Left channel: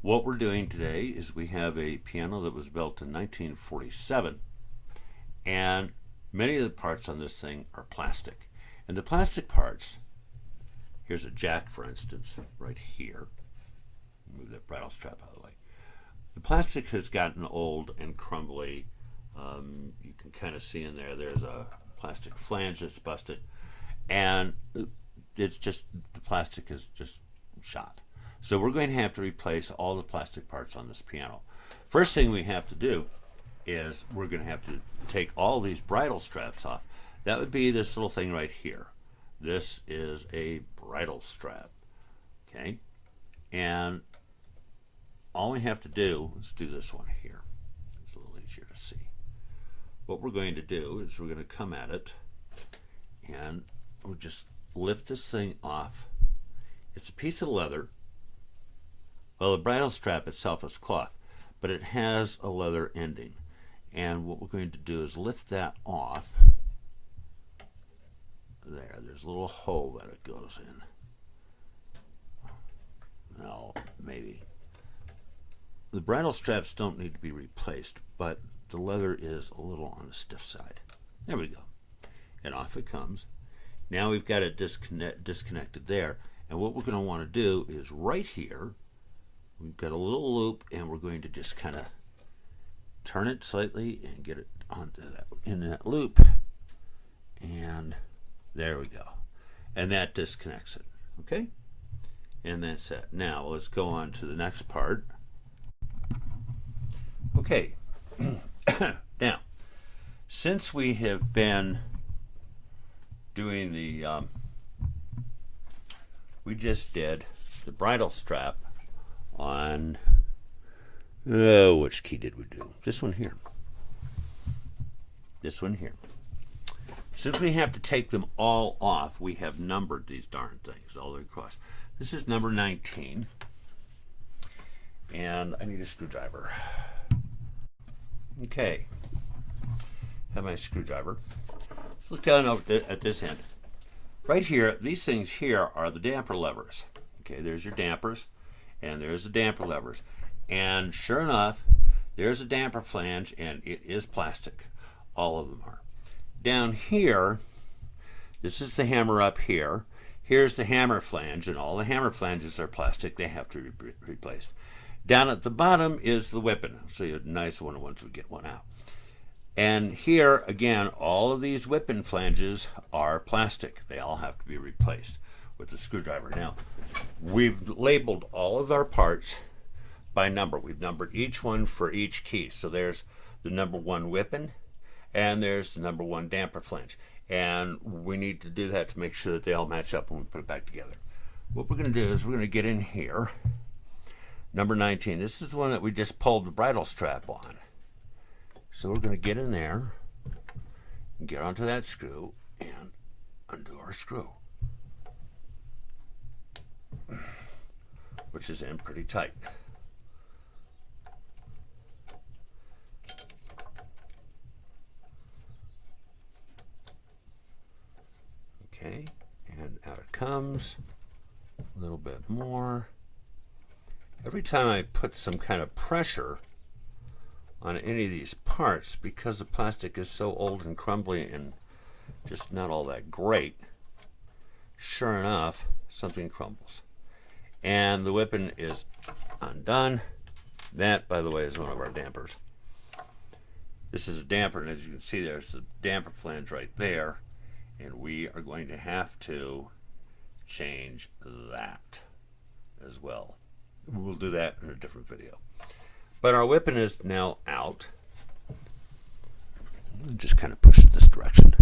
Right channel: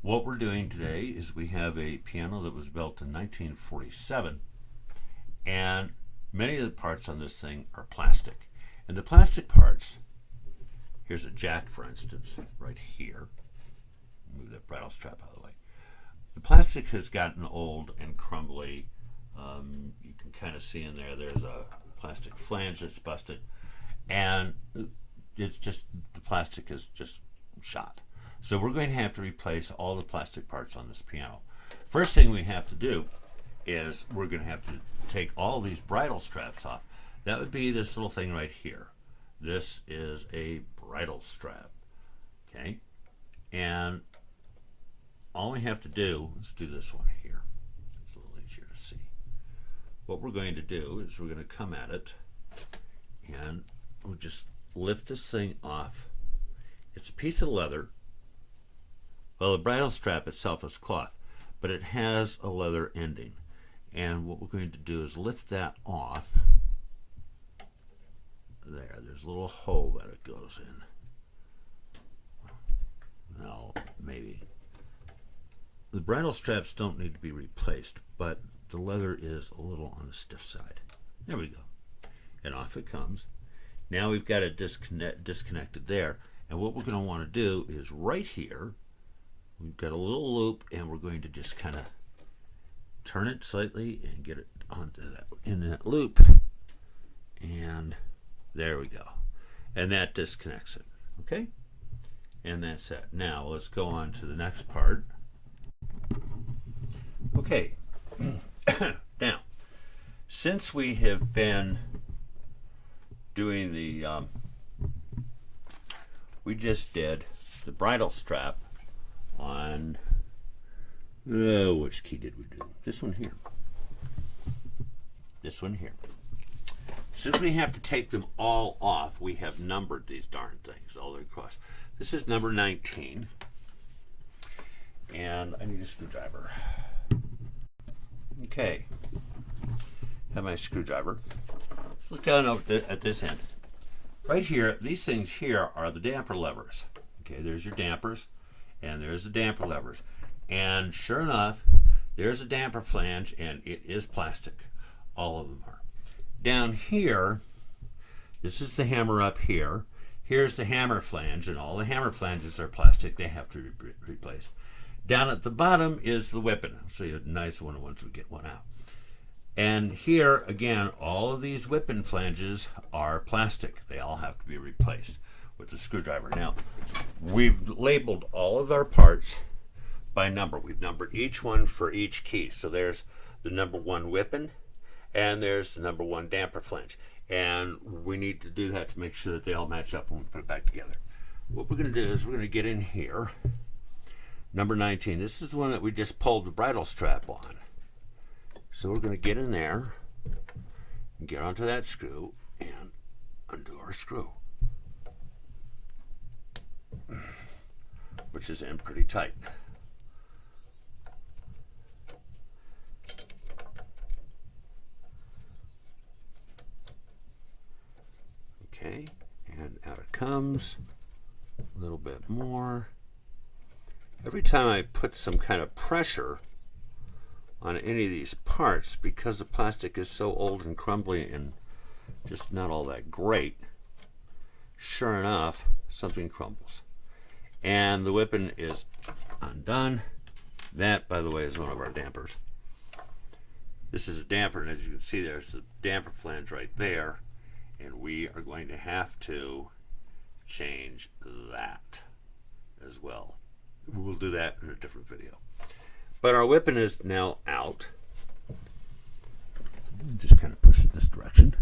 What we're doing today is we have a piano that was built in 1947, and many of the parts on this thing are plastic. And the plastic parts, here's a jack for instance, right here. Move that bridle strap out of the way. The plastic has gotten old and crumbly. You can kind of see in there, there's a plastic flange that's busted, and it's just, the plastic is just shot. So we're going to have to replace all the plastic parts on this piano. First thing we have to do is we're going to have to take all these bridle straps off. That would be this little thing right here. This is a bridle strap, okay? And all we have to do, let's do this one here. It's a little easier to see. What we're going to do is we're going to come at it and we'll just lift this thing off. It's a piece of leather. Well, the bridle strap itself is cloth, but it has a leather ending. And what we're going to do is lift that off. There's a little hole that it goes in. Well, maybe. The bridle straps don't need to be replaced, but the leather is a little on the stiff side. There we go. And off it comes. Now we've got it disconnected there. And what we're going to want to do is right here, we've got a little loop, and we're going to just kind of turn it slightly and get it onto that, in that loop. And there we go. And that disconnects it. Okay? And that's it. Now let's go on to the next part. Okay. Now, since we have been doing the, we just did the bridle strap on, which key did we do? This one here. This one here. Since we have to take them all off, we have numbered these darn things all the way across. This is number 19. And I need a screwdriver. Okay. Have my screwdriver. Let's look down at this end. Right here, these things here are the damper levers. Okay, there's your dampers, and there's the damper levers. And sure enough, there's a damper flange, and it is plastic. All of them are. Down here, this is the hammer up here. Here's the hammer flange, and all the hammer flanges are plastic. They have to be replaced. Down at the bottom is the whipping. I'll show you a nice one once we get one out. And here, again, all of these whipping flanges are plastic. They all have to be replaced with the screwdriver. Now, we've labeled all of our parts by number. We've numbered each one for each key. So there's the number 1 whipping, and there's the number 1 damper flange. And we need to do that to make sure that they all match up when we put it back together. What we're going to do is we're going to get in here. Number 19. This is the one that we just pulled the bridle strap on. So we're going to get in there, and get onto that screw, and undo our screw, which is in pretty tight. Okay, and out it comes. A little bit more. Every time I put some kind of pressure on any of these parts, because the plastic is so old and crumbly and just not all that great, sure enough, something crumbles. And the whipping is undone. That, by the way, is one of our dampers. This is a damper, and as you can see, there's the damper flange right there. And we are going to have to change that as well. We'll do that in a different video. But our whipping is now out. Just kind of push it this direction.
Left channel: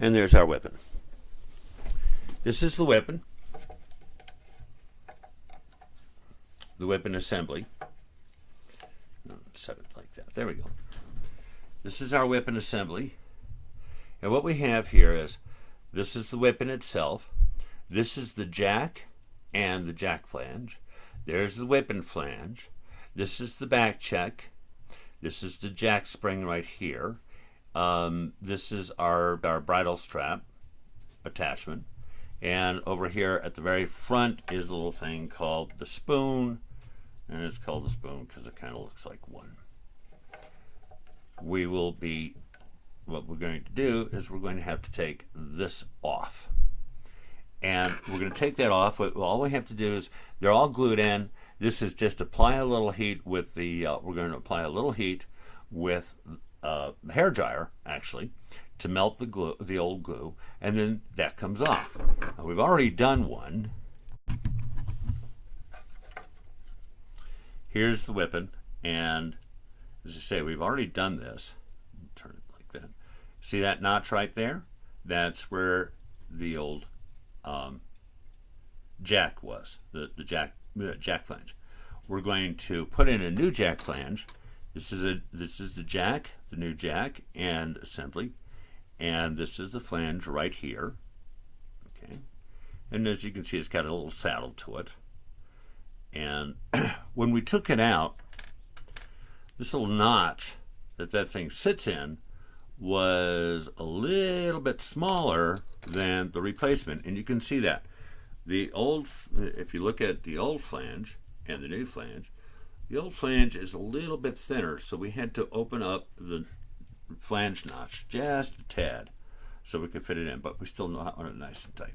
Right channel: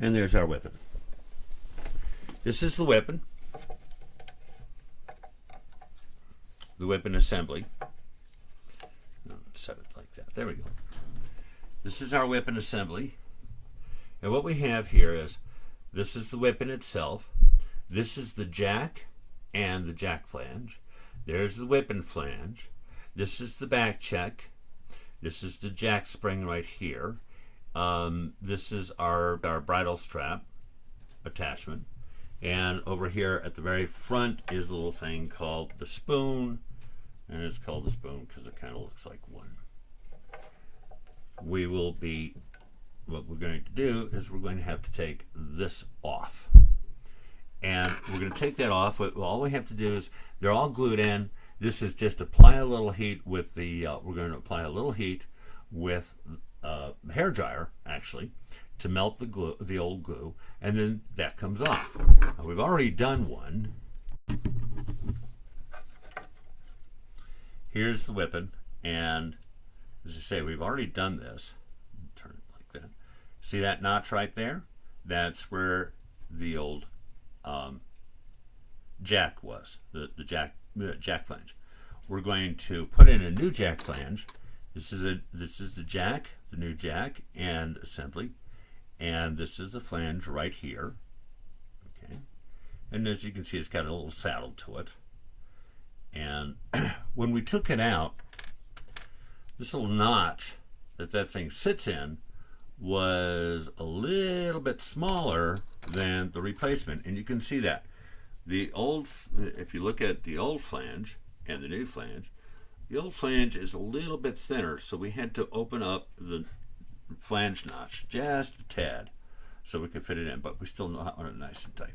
And there's our whipping. This is the whipping. The whipping assembly. No, set it like that. There we go. This is our whipping assembly. And what we have here is, this is the whipping itself. This is the jack and the jack flange. There's the whipping flange. This is the back check. This is the jack spring right here. This is our bridle strap attachment. And over here at the very front is a little thing called the spoon, and it's called a spoon because it kind of looks like one. We will be, what we're going to do is we're going to have to take this off. And we're going to take that off. All we have to do is, they're all glued in. This is just apply a little heat with the, we're going to apply a little heat with a hair dryer, actually, to melt the glue, the old glue, and then that comes off. Now, we've already done one. Here's the whipping, and as I say, we've already done this. Turn it like that. See that notch right there? That's where the old jack was, the jack flange. We're going to put in a new jack flange. This is the jack, the new jack and assembly, and this is the flange right here. Okay, and as you can see, it's got a little saddle to it. And when we took it out, this little notch that thing sits in was a little bit smaller than the replacement, and you can see that. The old, if you look at the old flange and the new flange, the old flange is a little bit thinner, so we had to open up the flange notch just a tad so we could fit it in, but we still want it nice and tight.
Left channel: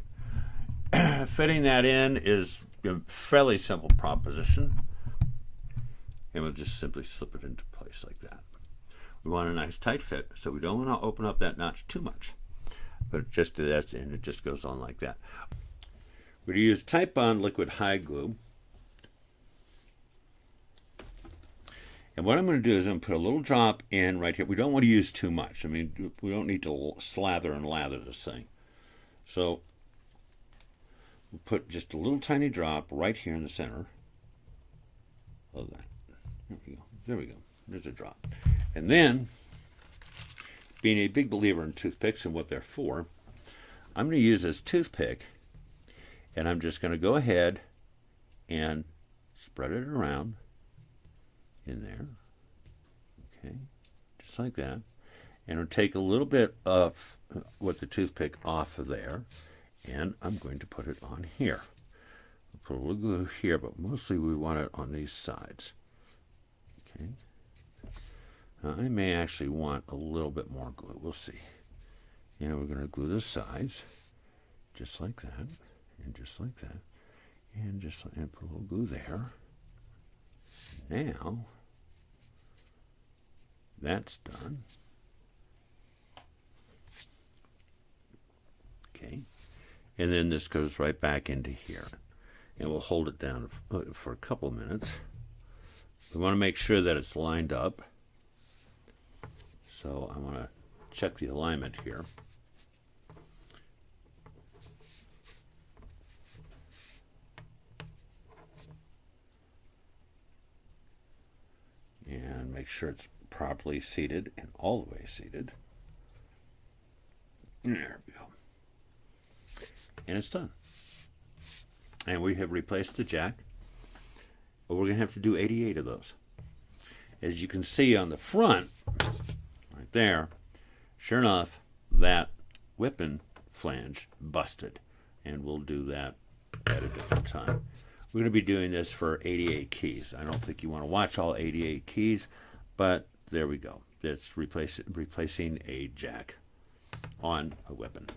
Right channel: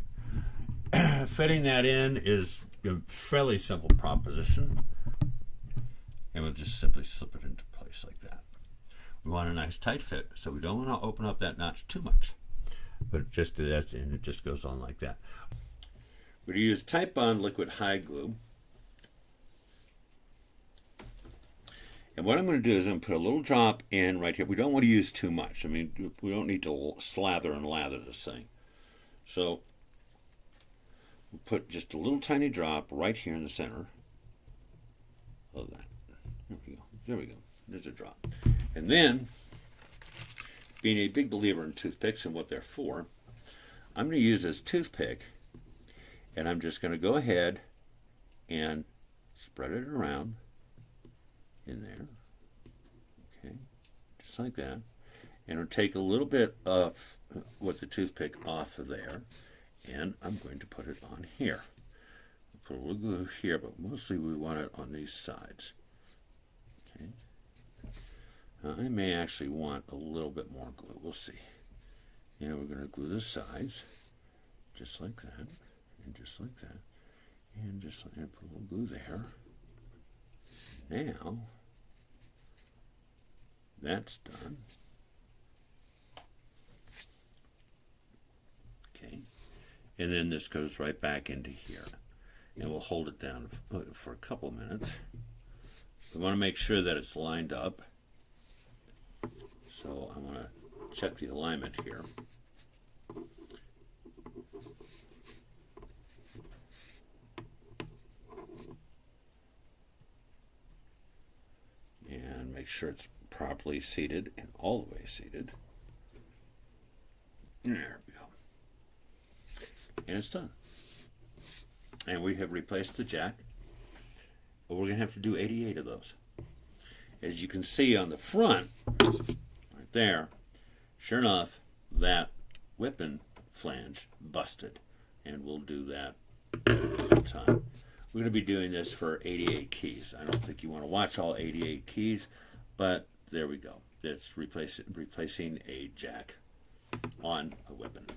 Fitting that in is a fairly simple proposition, and we'll just simply slip it into place like that. We want a nice tight fit, so we don't want to open up that notch too much, but just do that, and it just goes on like that. We're going to use Titebond liquid hide glue, and what I'm going to do is I'm going to put a little drop in right here. We don't want to use too much. I mean, we don't need to slather and lather this thing, so we'll put just a little tiny drop right here in the center of that. There we go. There we go. There's a drop. And then, being a big believer in toothpicks and what they're for, I'm going to use this toothpick, and I'm just going to go ahead and spread it around in there. Okay, just like that. And I'll take a little bit of with the toothpick off of there, and I'm going to put it on here. I'll put a little glue here, but mostly we want it on these sides. Okay. Now, I may actually want a little bit more glue. We'll see. And we're going to glue the sides just like that, and just like that, and just like, and put a little glue there. Now that's done. Okay, and then this goes right back into here, and we'll hold it down for a couple minutes. We want to make sure that it's lined up. So I want to check the alignment here. And make sure it's properly seated and all the way seated. There we go. And it's done. And we have replaced the jack. But we're going to have to do 88 of those. As you can see on the front, right there, sure enough, that whipping flange busted. And we'll do that at a different time. We're going to be doing this for 88 keys. I don't think you want to watch all 88 keys, but there we go. It's replacing a jack on a whipping.